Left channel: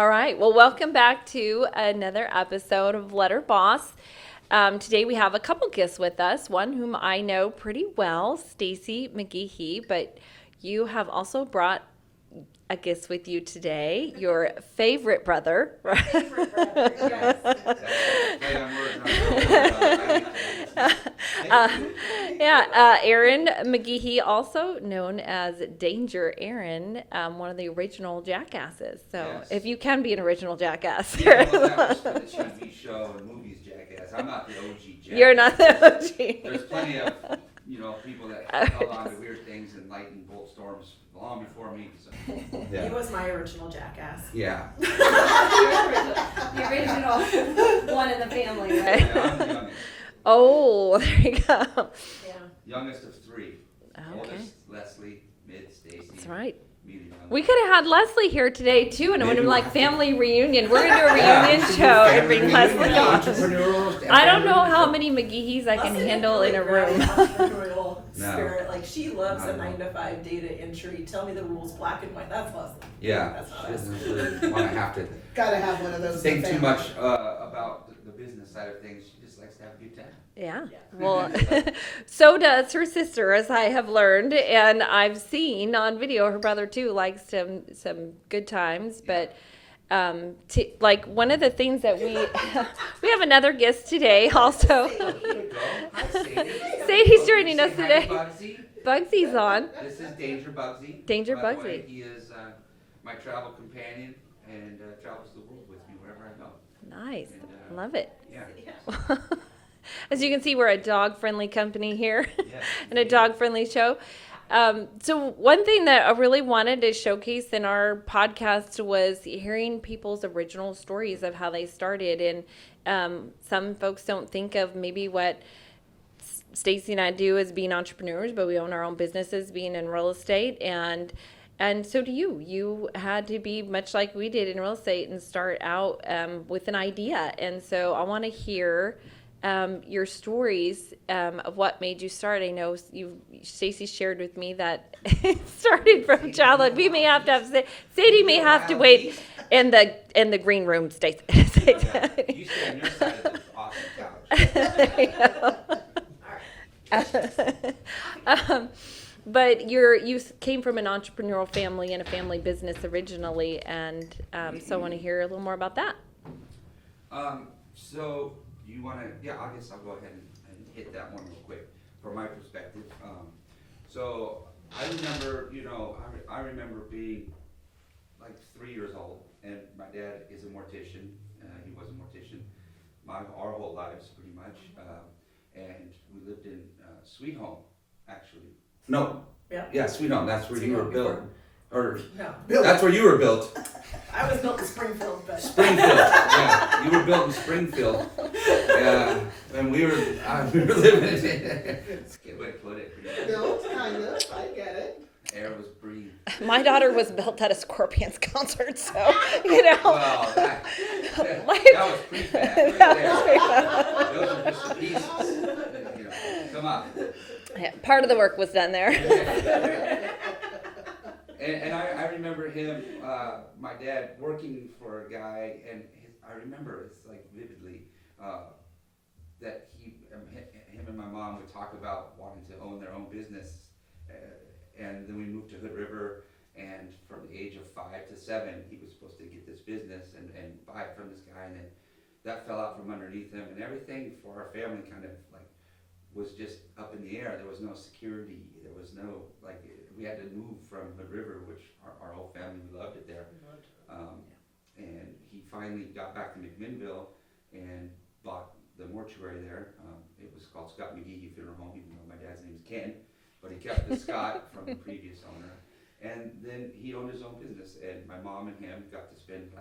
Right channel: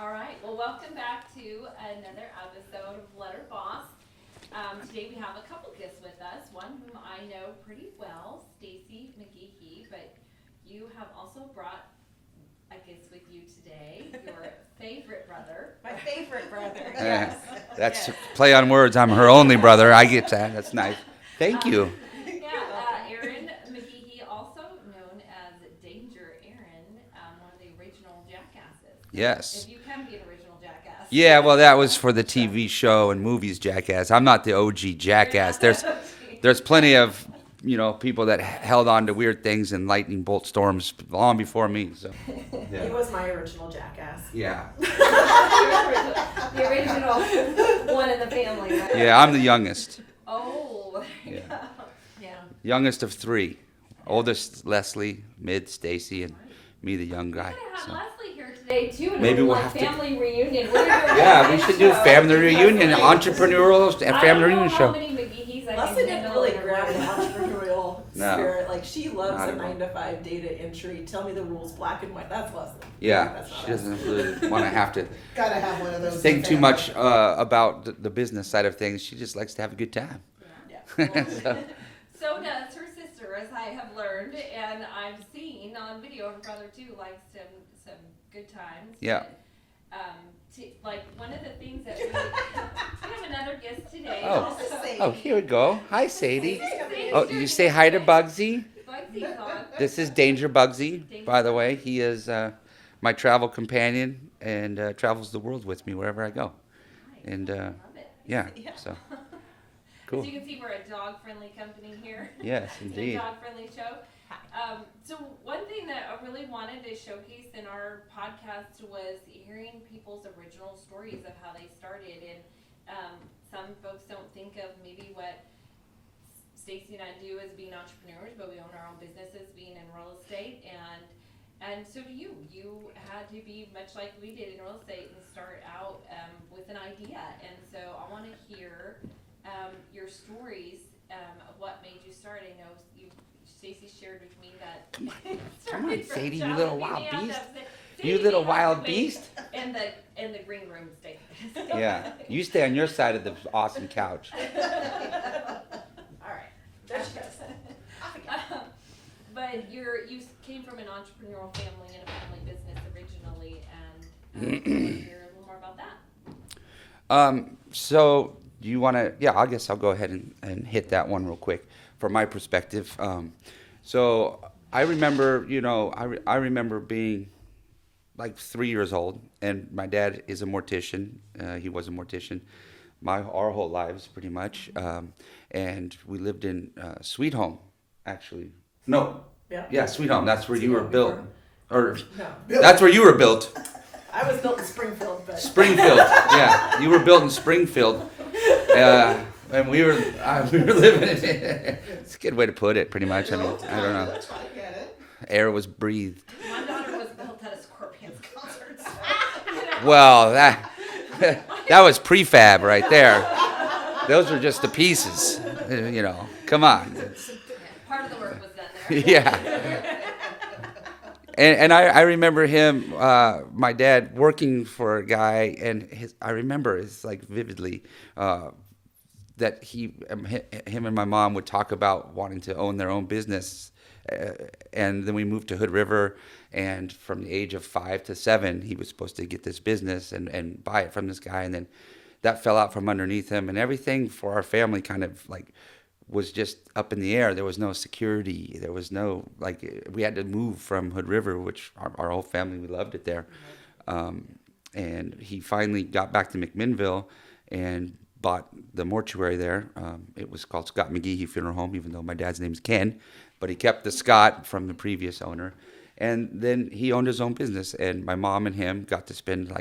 All right. Well, welcome back to another episode of Letter Boss. Today we have a couple guests with us. One whom I know pretty well, Stacey McGhehey, but you have also brought a guest with you today, your favorite brother. My favorite brother, yes. That's a play on words. I'm her only brother. I get that. That's nice. Thank you. Aaron McGhehey, also known as Danger Ehren, one of the original jackasses. So Yes. if you can be an original jackass. Yeah, well, that was for the TV show and movies Jackass. I'm not the OG You're Jackass. not the OG. There's plenty of, people that held on to weird things and lightning bolt storms long before me. So, He was my original jackass. yeah. The original one in the family, right? Yeah, I'm the youngest. Oh, there you go. Yeah. Youngest of three. Oldest, Leslie, mid, Stacey, That's and right. me, the young We guy. could have had So- Leslie here today too, and it Maybe would we'll like have to- family reunion. We're gonna do a Yeah, we reunion should show. do family Big reunion, Leslie. entrepreneurial and I don't family know reunion how show. many McGheheys I Leslie can didn't handle really in a grab the room. entrepreneurial No. spirit. Like, she loves Not a at all. 9-to-5 data entry. Tell me the rules, black and white. That's Leslie. Yeah, That's not she us. doesn't really want to have to Gotta have one of those. think in too family. much about the business side of things. She just likes to have a good time. Yeah. Yeah. Well, so does her sister, as I have learned, and I've seen on video. Her brother too likes some good times. Yeah. But like one of the things that we have another guest today also. Oh, here we go. Hi, Sadie. Sadie's Oh, joining you say us hi today. to Bugsy. Bugsy's on. This is Danger Bugsy. Danger by the way, Bugsy. he is my travel companion and travels the world with me wherever I go. Nice. And Love it. yeah, Yeah. so As you can see, we're a dog-friendly company here. yes, and a indeed. dog-friendly show. So one thing that I really wanted to showcase in our podcast was hearing people's original stories of how they started. And some folks don't think of maybe what Stacey and I do as being entrepreneurs, but we own our own businesses, being in real estate. And so do you. You had to be much like we did in real estate and start out with an idea. And so I want to hear your stories of what made you start. I know Stacey shared with me that it started from Sadie, childhood. you We little may wild have to have beast. Sadie You may little have to wild wait beast. in the green room, Stacey. Yeah, you stay on your side of the awesome couch. But you came from an entrepreneurial family and a family business originally, and so I want to hear a little more about that. So do you want to? Yeah, I guess I'll go ahead and hit that one real quick from my perspective. So I remember, I remember being like 3 years old, and my dad is a mortician. He was a mortician our whole lives, pretty much. And we lived in Sweet Home, actually. No. Yeah. Sweet Home. That's where Sweet you were Home built. before. Or No. that's where you were built. I was built in Springfield, but. Springfield. Yeah, you were built in Springfield. And we were living in it. It's a good way to put it, pretty much. I mean, I don't know. I get it. Air was breathed. My daughter was built at a Scorpions concert, so Well, that was prefab right there. Those were just the pieces. Come on. Yeah, part of the work was done there. Yeah. And I remember him, my dad, working for a guy, and I remember it's like vividly that him and my mom would talk about wanting to own their own business, and then we moved to Hood River, and from the age of 5 to 7, he was supposed to get this business and buy it from this guy, and then that fell out from underneath him, and everything for our family kind of like was just up in the air. There was no security. There was no, we had to move from Hood River, which our whole family, we loved it there. And he finally got back to McMinnville and bought the mortuary there. It was called Scott McGhehey Funeral Home, even though my dad's name's Ken, but he kept the Scott from the previous owner. And then he owned his own business, and my mom and him got to spend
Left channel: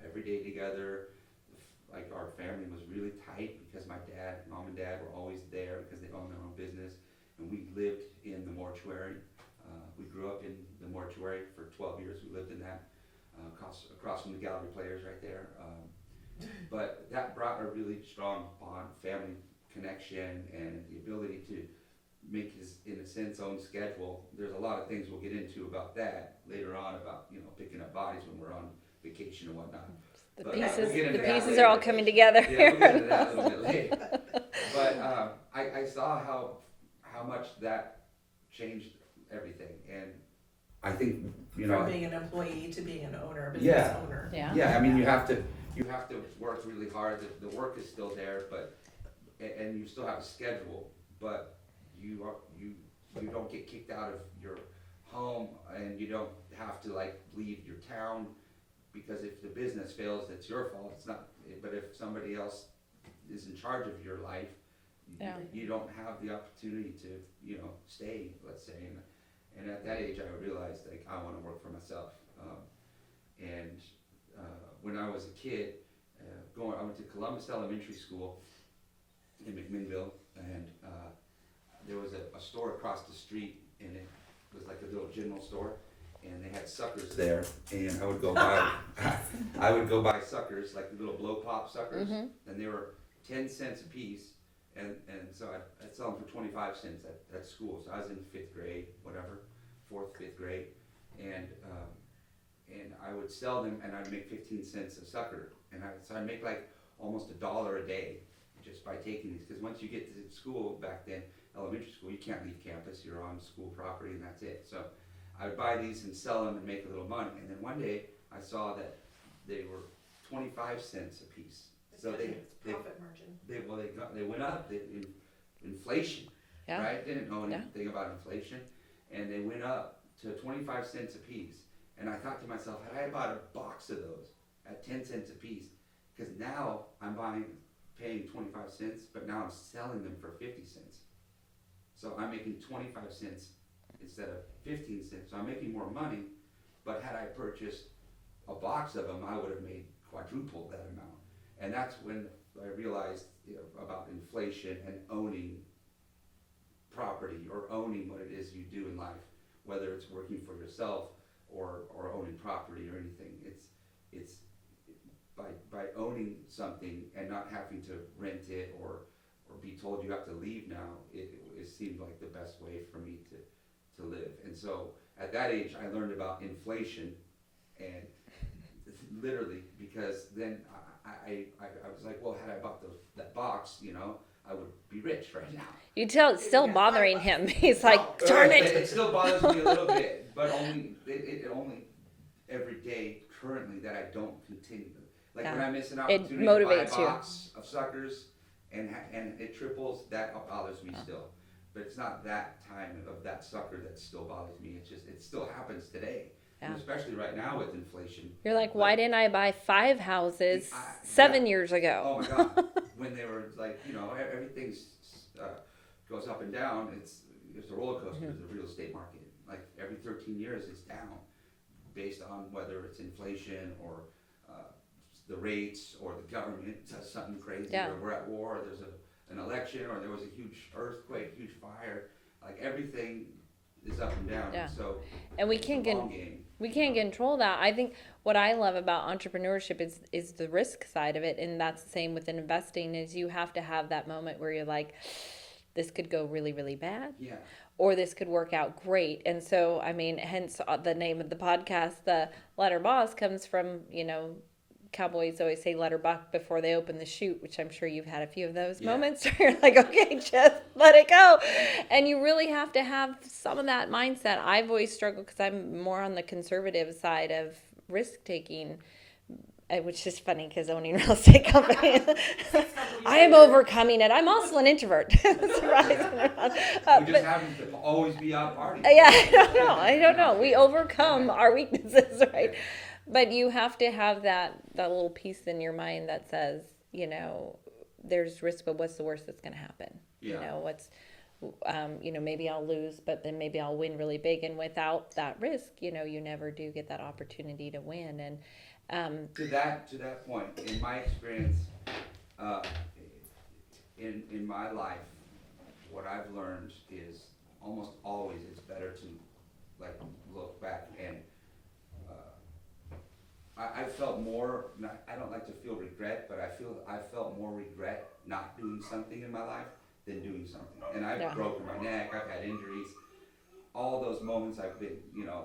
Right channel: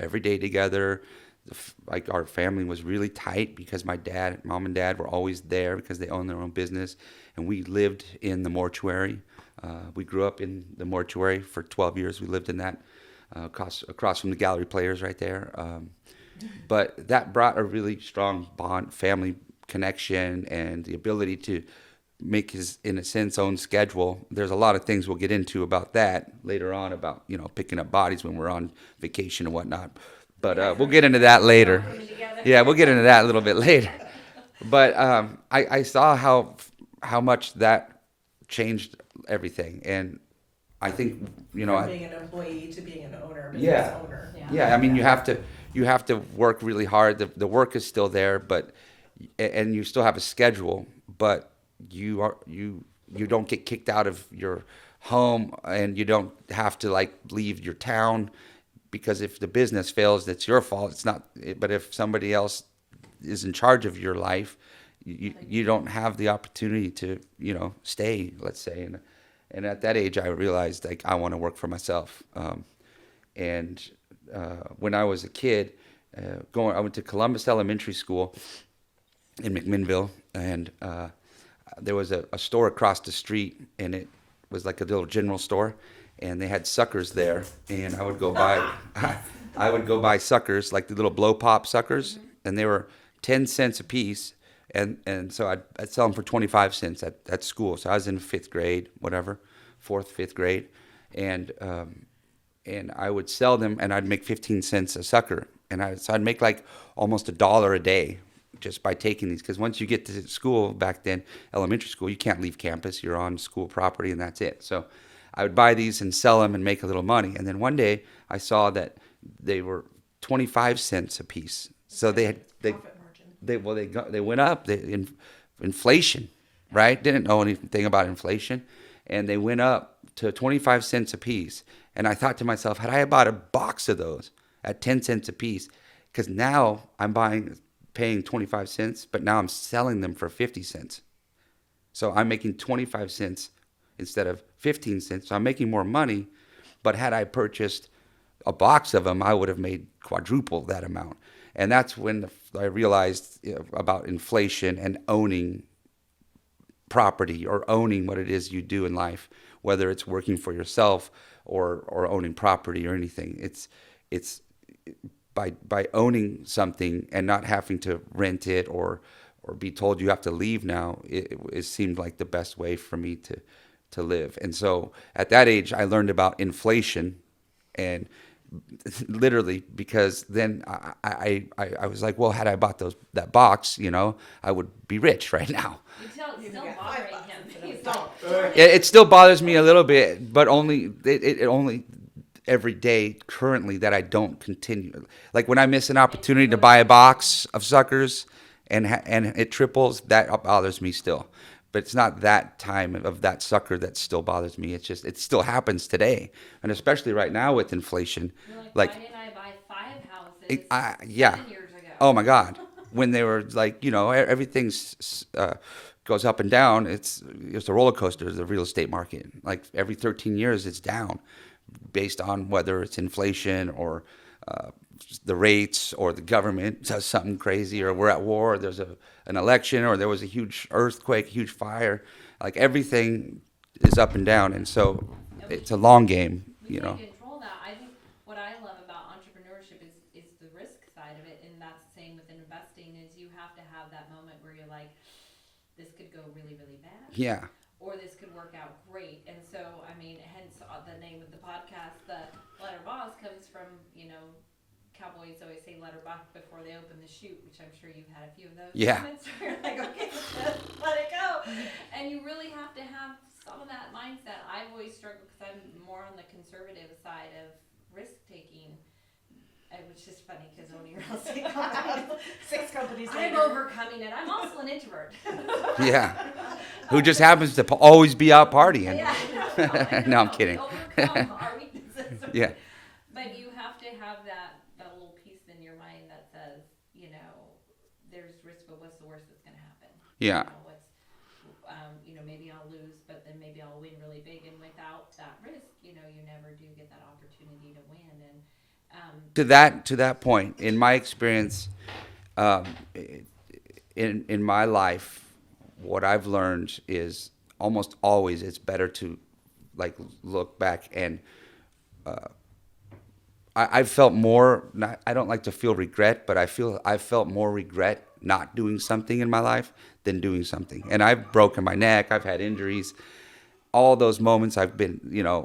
every day together. Our family was really tight because mom and dad were always there because they owned their own business, and we lived in the mortuary. We grew up in the mortuary for 12 years. We lived in that across from the gallery players right there. But that brought a really strong bond, family connection, and the ability to make his, in a sense, own schedule. There's a lot of things we'll get into about that later on, about, you know, picking up bodies when we're on vacation and whatnot. But we'll get into that They're all later. coming together. Yeah, we'll get into that a little bit later. But I saw how much that changed everything, and I think, you know, From being an employee to being an owner, business Yeah. owner. yeah, I mean, you have to work really hard. The work is still there, but and you still have a schedule, but you don't get kicked out of your home, and you don't have to like leave your town, because if the business fails, that's your fault. It's not. But if somebody else is in charge of your life, you don't have the opportunity to, you know, stay, let's say. And at that age, I realized, like, I want to work for myself. And when I was a kid, I went to Columbus Elementary School in McMinnville, and there was a store across the street, and it was like a little general store, and they had suckers there, and I would go buy suckers, like the little blow pop suckers, and they were 10 cents a piece, and so I'd sell them for 25 cents at school. So I was in 5th grade, whatever, 4th, 5th grade, and I would sell them, and I'd make 15 cents a sucker, so I'd make like almost $1 a day just by taking these, because once you get to school, back then, elementary school, you can't leave campus. You're on school property, and that's it. So I would buy these and sell them and make a little money. And then one day I saw that they were 25 cents a piece. So they Profit margin. they went up. Inflation, Yeah. right? Didn't know anything about inflation, and they went up to 25 cents a piece. And I thought to myself, had I bought a box of those at 10 cents a piece, because now I'm paying 25 cents, but now I'm selling them for 50 cents. So I'm making 25 cents instead of 15 cents. So I'm making more money. But had I purchased a box of them, I would have made quadruple that amount. And that's when I realized, you know, about inflation and owning property, or owning what it is you do in life, whether it's working for yourself or owning property or anything. It's by owning something and not having to rent it or be told you have to leave now, it seemed like the best way for me to live. And so at that age, I learned about inflation, and literally, because then I was like, well, had I bought that box, you know, I would be rich right now. You tell it's still bothering him. He's like, darn it. It still bothers me a little bit, but only it only every day currently that I don't continue. Like when I miss an opportunity to buy a motivates box of suckers and it triples, that bothers me still. But it's not that time of that sucker that still bothers me. It's just, it still happens today. And especially right now with inflation. You're like, why didn't I buy 5 houses yeah. 7 years ago? Oh my God. When they were like, you know, everything's goes up and down. It's a roller coaster, the real estate market. Like every 13 years it's down based on whether it's inflation or the rates, or the government does something crazy, or we're at war, or there's an election, or there was a huge earthquake, huge fire. Like everything is up and down, and so it's a long game. We can't control that. I think what I love about entrepreneurship is the risk side of it, and that's the same with investing. Is you have to have that moment where you're like, this could go really, really bad. Yeah. Or this could work out great. And so, I mean, hence the name of the podcast, the Letter Boss, comes from, you know, cowboys always say let her buck before they open the chute, which I'm sure you've had a few of those moments where you're like, okay, just let it go. And you really have to have some of that mindset. I've always struggled because I'm more on the conservative side of risk taking, which is funny because owning real estate companies, I am overcoming it. I'm also an introvert. Who just happens to always be out partying. Yeah, I don't know. Kidding. We overcome our weaknesses, right? Yeah. But you have to have that little piece in your mind that says, you know, there's risk, but what's the worst that's going to happen? Yeah. You know, you know, maybe I'll lose, but then maybe I'll win really big. And without that risk, you know, you never do get that opportunity to win. And to that point, in my experience, in my life, what I've learned is almost always it's better to like look back and I felt more. I don't like to feel regret, but I felt more regret not doing something in my life than doing something. And I've Yeah. broken my neck. I've had injuries. All those moments I've been,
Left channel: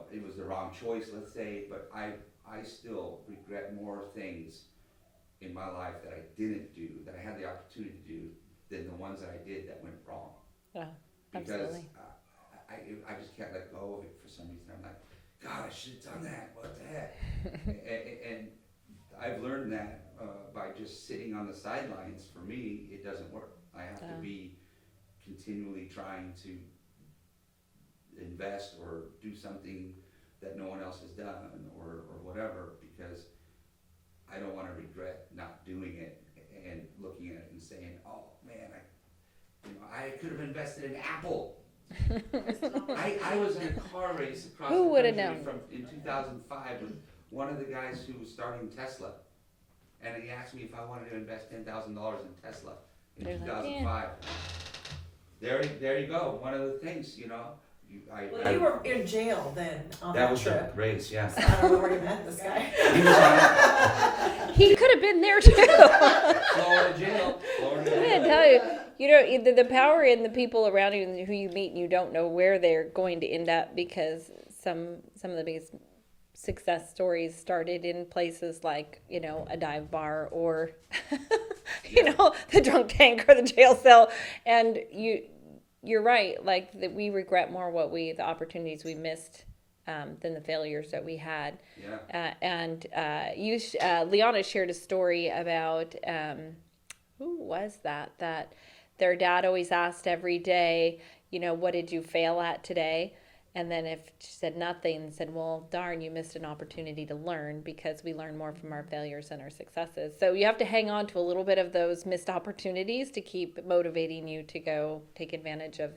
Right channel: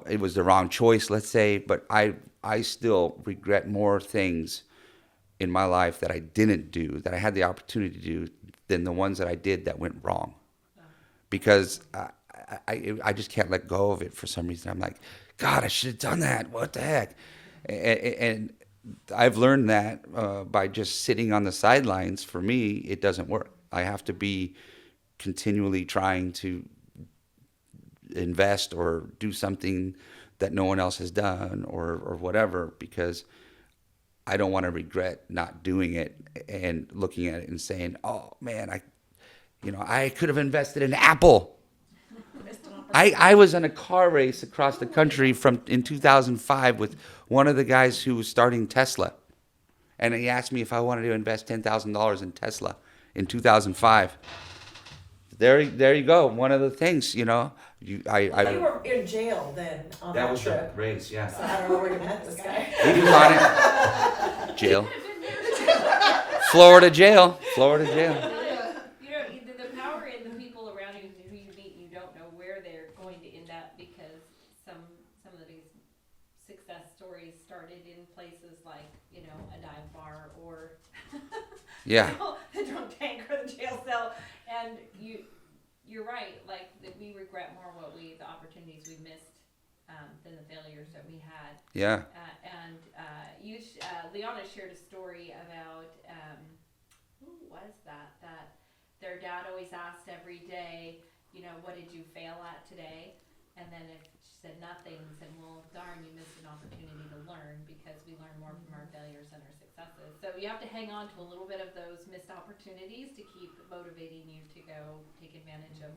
it was the wrong choice, let's say, but I still regret more things in my life that I didn't do, that I had the opportunity to do, than the ones that I did that went wrong. Yeah, Because I just can't let go of it for some reason. I'm like, God, I should have done that. What the heck? And I've learned that by just sitting on the sidelines. For me, it doesn't work. I have to be continually trying to invest or do something that no one else has done or whatever, because I don't want to regret not doing it and looking at it and saying, oh man, I could have invested in Apple. I was in a car race across Who the would've country known? in 2005 with one of the guys who was starting Tesla. And he asked me if I wanted to invest $10,000 in Tesla in 2005. There you go. One of the things, You were in jail then on that the trip. race, yeah. So I don't know where you met this guy. He was on He Jail. could have been there too. Florida jail. I tell you, the power in the people around you and who you meet, and you don't know where they're going to end up, because some of the biggest success stories started in places like, a dive bar or, Yeah. the drunk tank or the jail cell. And you're right. Like that, we regret more the opportunities we missed than the failures that we had. Yeah. LeOnna shared a story about who was that their dad always asked every day, what did you fail at today? And then if she said nothing, said, well, darn, you missed an opportunity to learn, because we learn more from our failures than our successes. So you have to hang on to a little bit of those missed opportunities to keep motivating you to go take advantage of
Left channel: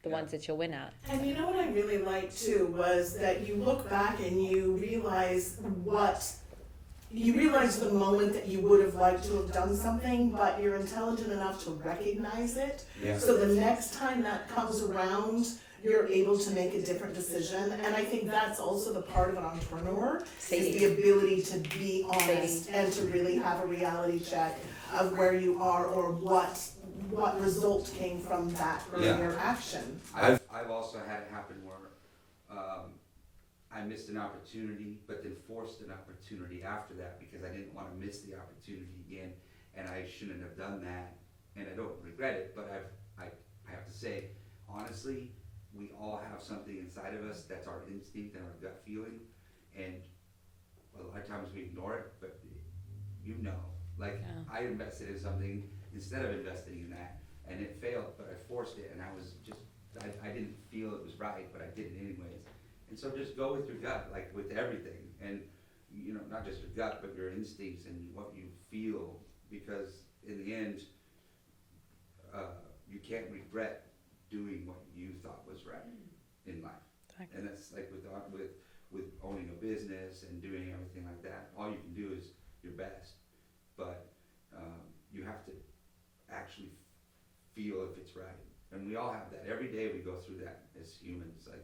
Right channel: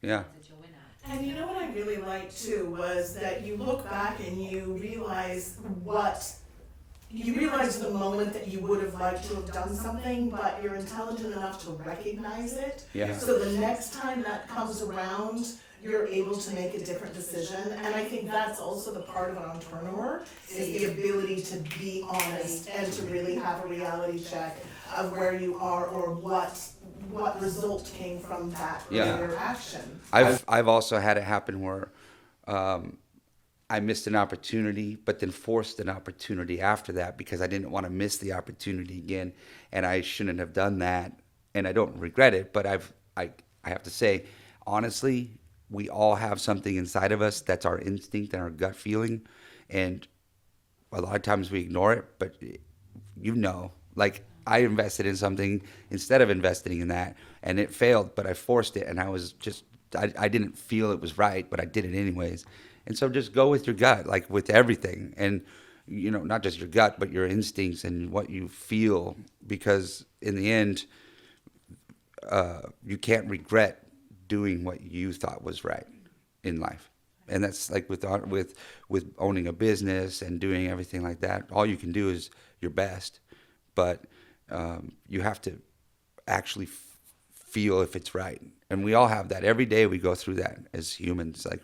the ones that you'll win at. And you know what I really liked too was that you look back and you realize the moment that you would have liked to have done something, but you're intelligent enough to recognize it. Yeah. So the next time that comes around, you're able to make a different decision. And I think that's also the part of an entrepreneur, is the ability to be honest and to really have a reality check of where you are or what result came from that earlier action. I've also had it happen where I missed an opportunity, but then forced an opportunity after that because I didn't want to miss the opportunity again, and I shouldn't have done that. And I don't regret it, but I have to say, honestly, we all have something inside of us that's our instinct and our gut feeling, and a lot of times we ignore it. But I invested in something instead of investing in that, and it failed, but I forced it, and I didn't feel it was right, but I did it anyways. And so just go with your gut, like with everything, and not just your gut, but your instincts and what you feel, because in the end, you can't regret doing what you thought was right in life. And that's like with owning a business and doing everything like that. All you can do is your best, but you have to actually feel if it's right. And we all have that. Every day we go through that as humans. Like,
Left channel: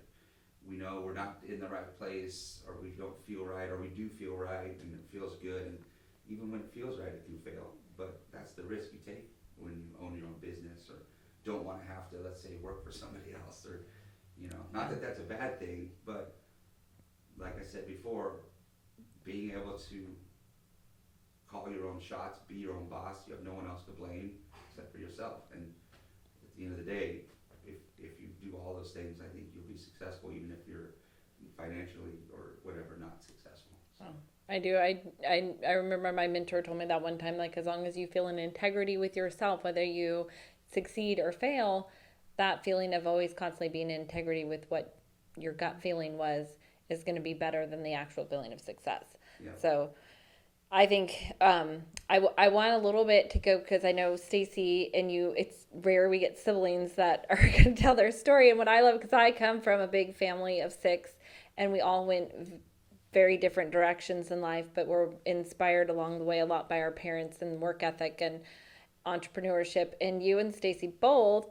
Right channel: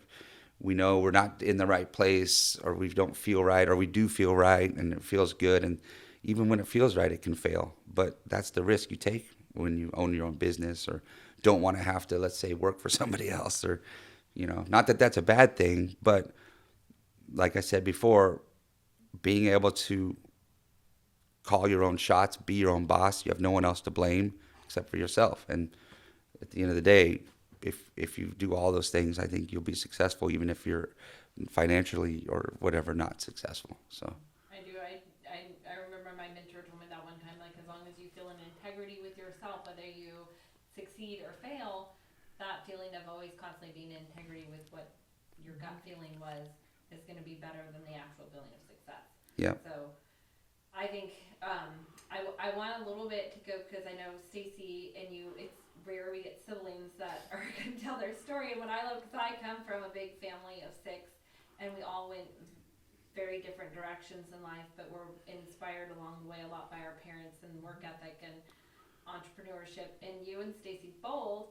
we know we're not in the right place, or we don't feel right, or we do feel right and it feels good. And even when it feels right, it can fail. But that's the risk you take when you own your own business, or don't want to have to, let's say, work for somebody else, or, not that that's a bad thing, but like I said before, being able to call your own shots, be your own boss, you have no one else to blame except for yourself. And at the end of the day, if you do all those things, I think you'll be successful, even if you're financially or whatever not successful. So I do. I remember my mentor told me that one time, like, as long as you feel in integrity with yourself, whether you succeed or fail, that feeling of always constantly being in integrity with what your gut feeling is going to be better than the actual feeling of success. Yeah. So I think I want a little bit to go, because I know Stacey and you, it's rare we get siblings that are going to tell their story. And what I love, because I come from a big family of 6, and we all went very different directions in life, but we're inspired along the way a lot by our parents and work ethic and entrepreneurship. And you and Stacey both,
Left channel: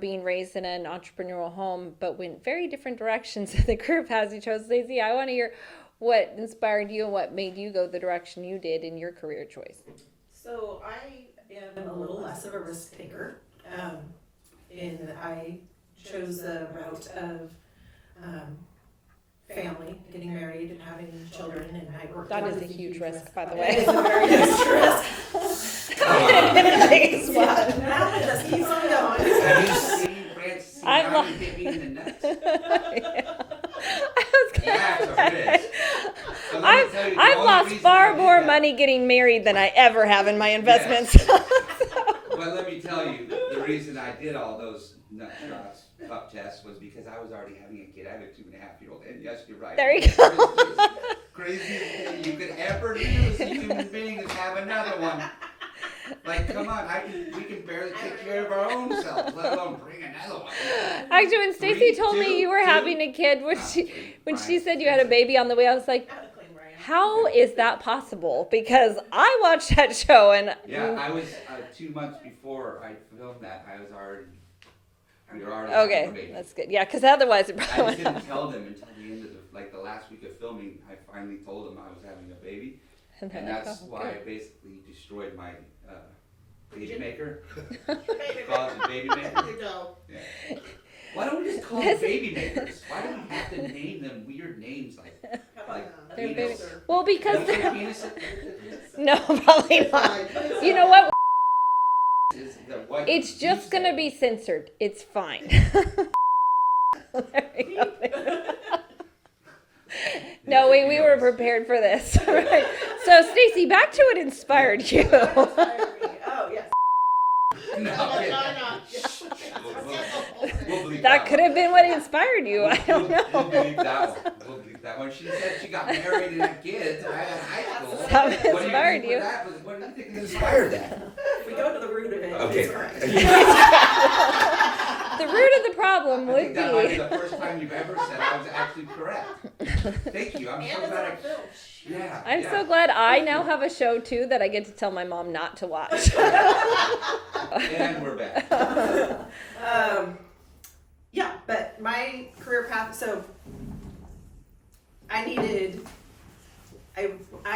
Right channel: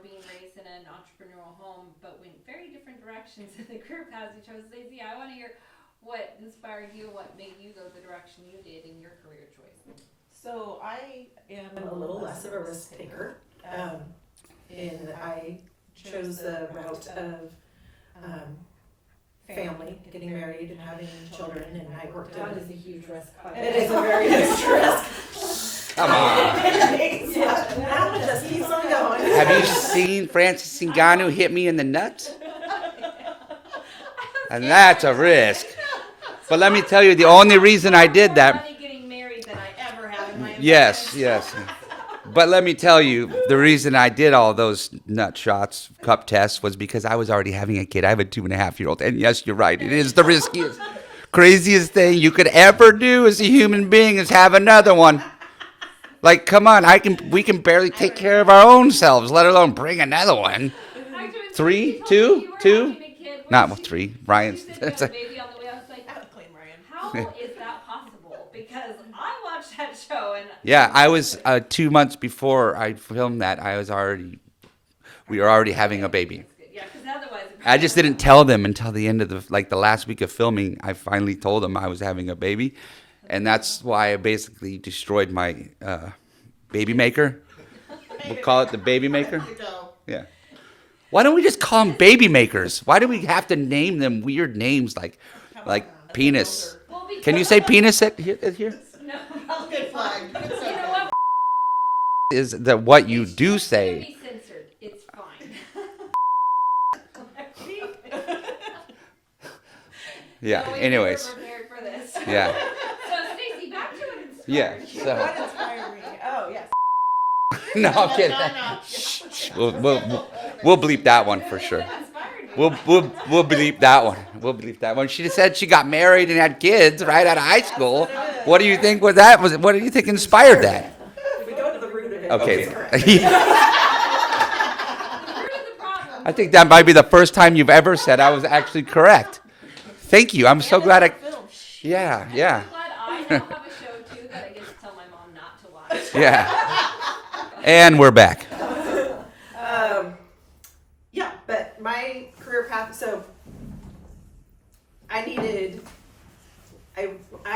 being raised in an entrepreneurial home, but went very different directions in the group has. You chose. Stacey, I want to hear what inspired you and what made you go the direction you did in your career choice. So I am a little less of a risk taker. And I chose the route of family, getting married and having children, and I worked That on is it. a huge risk, by the It is way. a very huge risk. Yeah, that one just keeps on going. Have you seen Francis Ngannou hit me in the nuts? And that's a risk. But let me tell you, the I've only lost reason far I did more that. money getting married than I ever have in my Yes, investments. yes. But let me tell you, the reason I did all those nut shots, cup tests, was because I was already having a kid. I have a 2.5-year-old. And yes, you're right. There It you is the riskiest, craziest thing you could ever do as a human being is have another one. Like, come on, we can barely take care of our own selves, let alone bring another one. Actually, when Three, Stacey told two, me you were two? having a kid, when Not she, three, when she Ryan. said you had a baby on the way, I was like, how is that possible? Because I watched that show and Yeah, I was 2 months before I filmed that. We were already having a baby. That's good. Yeah, because otherwise, I just didn't tell them until the end of the last week of filming. I finally told them I was having a baby, and that's why I basically destroyed my baby maker. We'll call it the baby maker. Yeah. Why don't we just call them baby makers? Why do we have to name them weird names like penis? Well, because Can you say penis here? no, probably not. You know what? Is that what you It's do just say? gonna be censored. It's fine. Yeah. No, we were Anyways. prepared for this. Yeah. So, Stacey, back to what inspired Yeah, you. so- Oh, yes. No, I'm kidding. Shh. We'll bleep that one could have for been sure. what inspired you. We'll bleep that one. We'll bleep that one. She said she got married and had kids right out of high school. What do you think with that? What do you think inspired that? If we go to the root of it, Okay. it's correct. The root of the problem. I think that might be the first time you've ever said I was actually correct. Thank you. I'm so glad Yeah, I'm yeah. so glad I now have a show too that I get to tell my mom not to watch. Yeah. And we're back. Yeah, but my career path, so I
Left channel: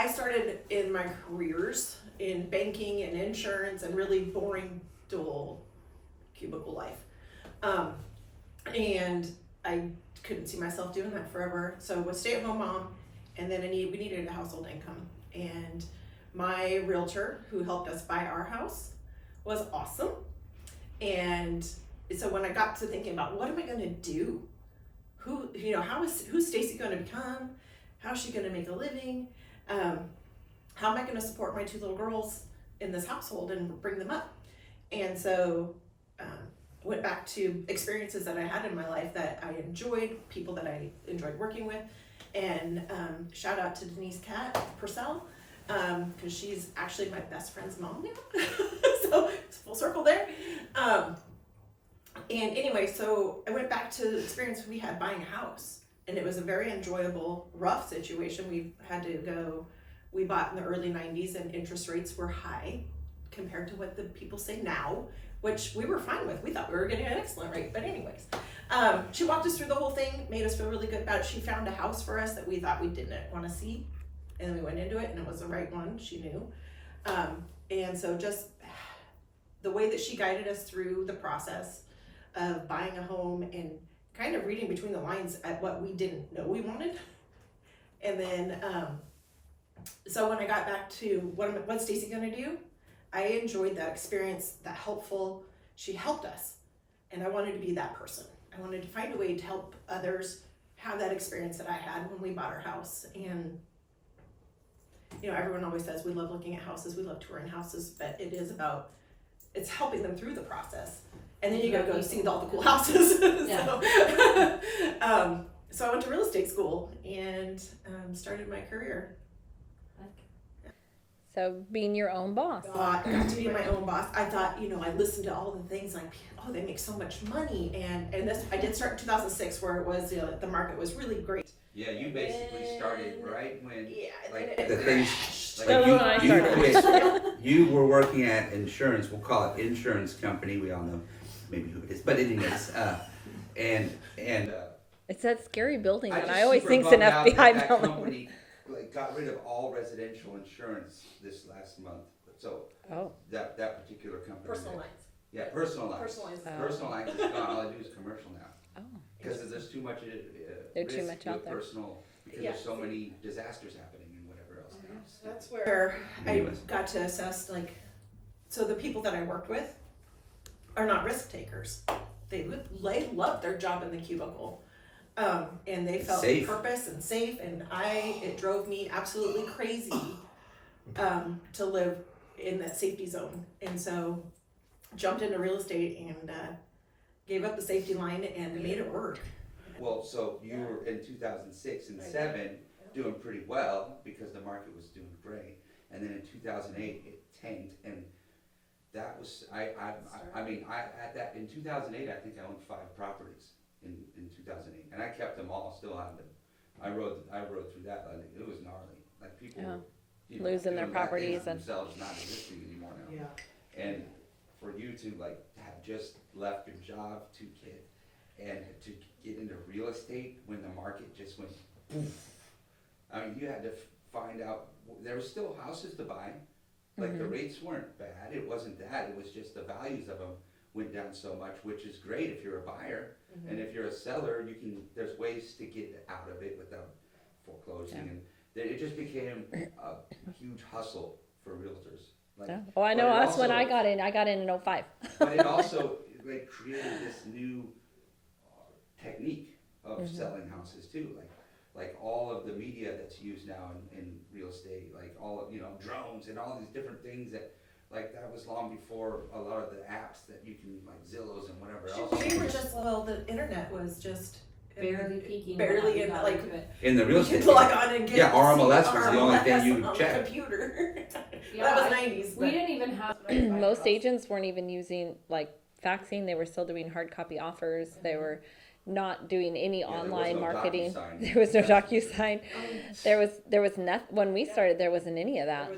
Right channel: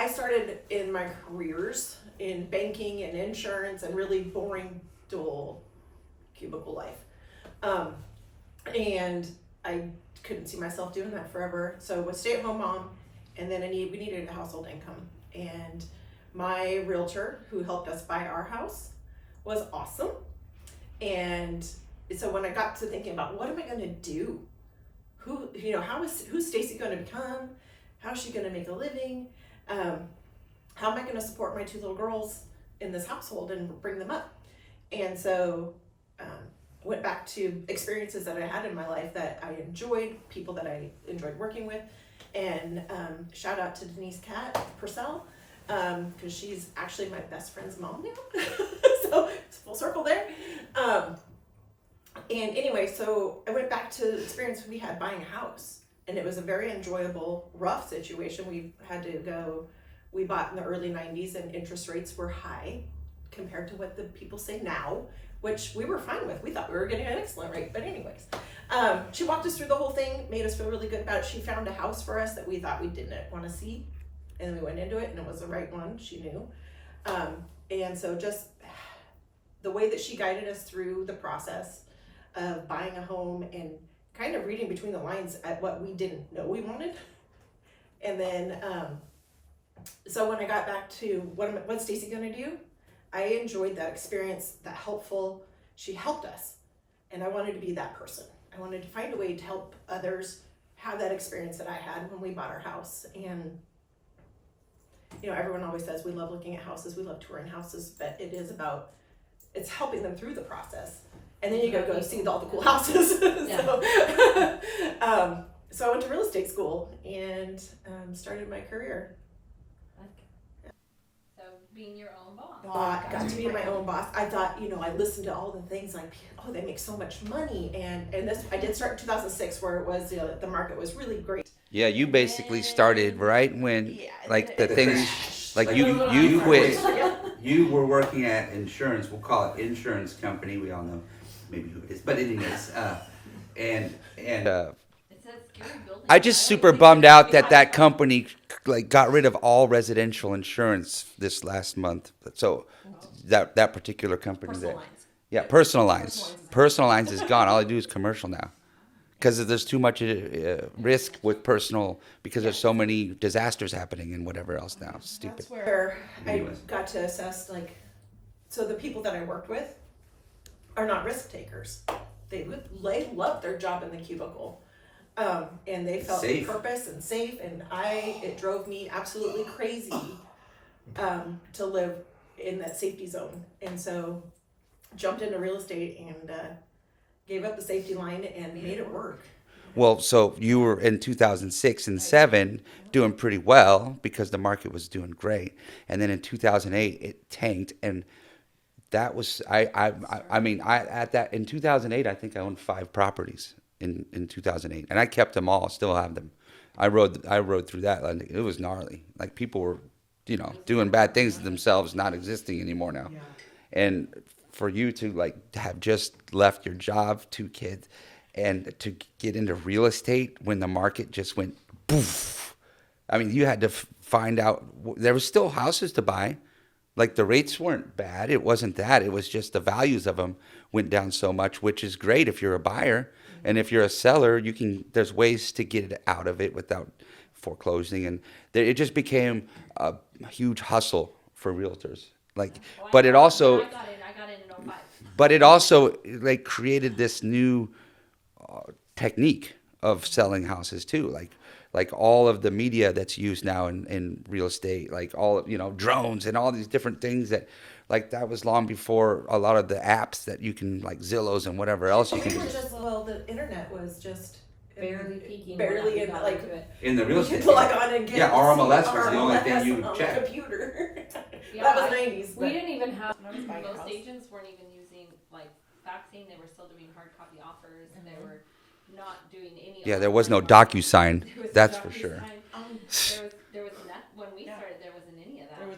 started in my careers in banking and insurance and really boring dual cubicle life. And I couldn't see myself doing that forever. So I was stay-at-home mom, and then we needed a household income. And my realtor who helped us buy our house was awesome. And so when I got to thinking about what am I gonna do? Who's Stacey gonna become? How's she gonna make a living? How am I gonna support my two little girls in this household and bring them up? And so I went back to experiences that I had in my life that I enjoyed, people that I enjoyed working with, and shout out to Denise Purcell, because she's actually my best friend's mom now. So it's full circle there. And anyway, so I went back to the experience we had buying a house, and it was a very enjoyable, rough situation. We bought in the early 90s and interest rates were high compared to what the people say now, which we were fine with. We thought we were getting an excellent rate, but anyways. She walked us through the whole thing, made us feel really good about it. She found a house for us that we thought we didn't want to see, and then we went into it, and it was the right one, she knew. And so just the way that she guided us through the process of buying a home and kind of reading between the lines at what we didn't know we wanted. And then, so when I got back to what's Stacey gonna do, I enjoyed that experience, that helpful, she helped us. And I wanted to be that person. I wanted to find a way to help others have that experience that I had when we bought our house. And, everyone always says we love looking at houses, we love touring houses, but it's helping them through the process. And then you gotta go see all the cool houses. So I went to real estate school and started my career. So being your own boss. Got to be my own boss. I thought, I listened to all the things like, oh, they make so much money. And this, I did start in 2006 where it was, the market was really great. Yeah, you basically started right when, Yeah, like and the then it things, like crashed. you were working at insurance. We'll call it insurance company. We all know maybe who it is, but anyways, and It's that scary building. I just always super think bummed an out FBI that building. company got rid of all residential insurance this last month. So Oh. that particular company Personal there. lines. Yeah, personal lines. Personal lines. Personal lines is gone. All I do is commercial now. Because there's too much risk much with out there. personal, because there's so many disasters happening and whatever else now. It's stupid. That's where, Where I Anyways. got to assess, like, so the people that I worked with are not risk takers. They loved their job in the cubicle. And they felt Safe. purpose and safe, and it drove me absolutely crazy to live in that safety zone. And so jumped into real estate and gave up the safety line and made it work. Well, so you were in 2006 and 7 doing pretty well because the market was doing great, and then in 2008 it tanked, and that was I mean at that in 2008 I think I owned 5 properties in 2008, and I kept them all, still have them. I rode through that, and it was gnarly. Like people were, Losing doing their bad things to properties and- themselves, not existing anymore now. yeah. And for you to like have just left your job, 2 kids, and to get into real estate when the market just went poof. I mean, you had to find out there was still houses to buy. Like the rates weren't bad. It wasn't that. It was just the values of them went down so much, which is great if you're a buyer. And if you're a seller, there's ways to get it out of it without foreclosing. And it just became a huge hustle for realtors. Like, Well, I but know it that's when also, I got in 05. but it also like created this new technique of selling houses too. Like all of the media that's used now in real estate, like all of, drones and all these different things that was long before a lot of the apps that you can, like Zillows and whatever else you We can were use. the internet was just Barely peaking. barely when in, we got like, into it. In the we real could estate. log on and get Yeah, RMLS was the only thing RMLS you on checked. the computer. Yeah, That was I- 90s. We but- didn't even have most agents weren't even using like faxing. They were still doing hard copy offers. They were not doing any. Yeah, there was no online marketing. DocuSign. There was no That's for sure. DocuSign. There was not when we started. There wasn't any of that.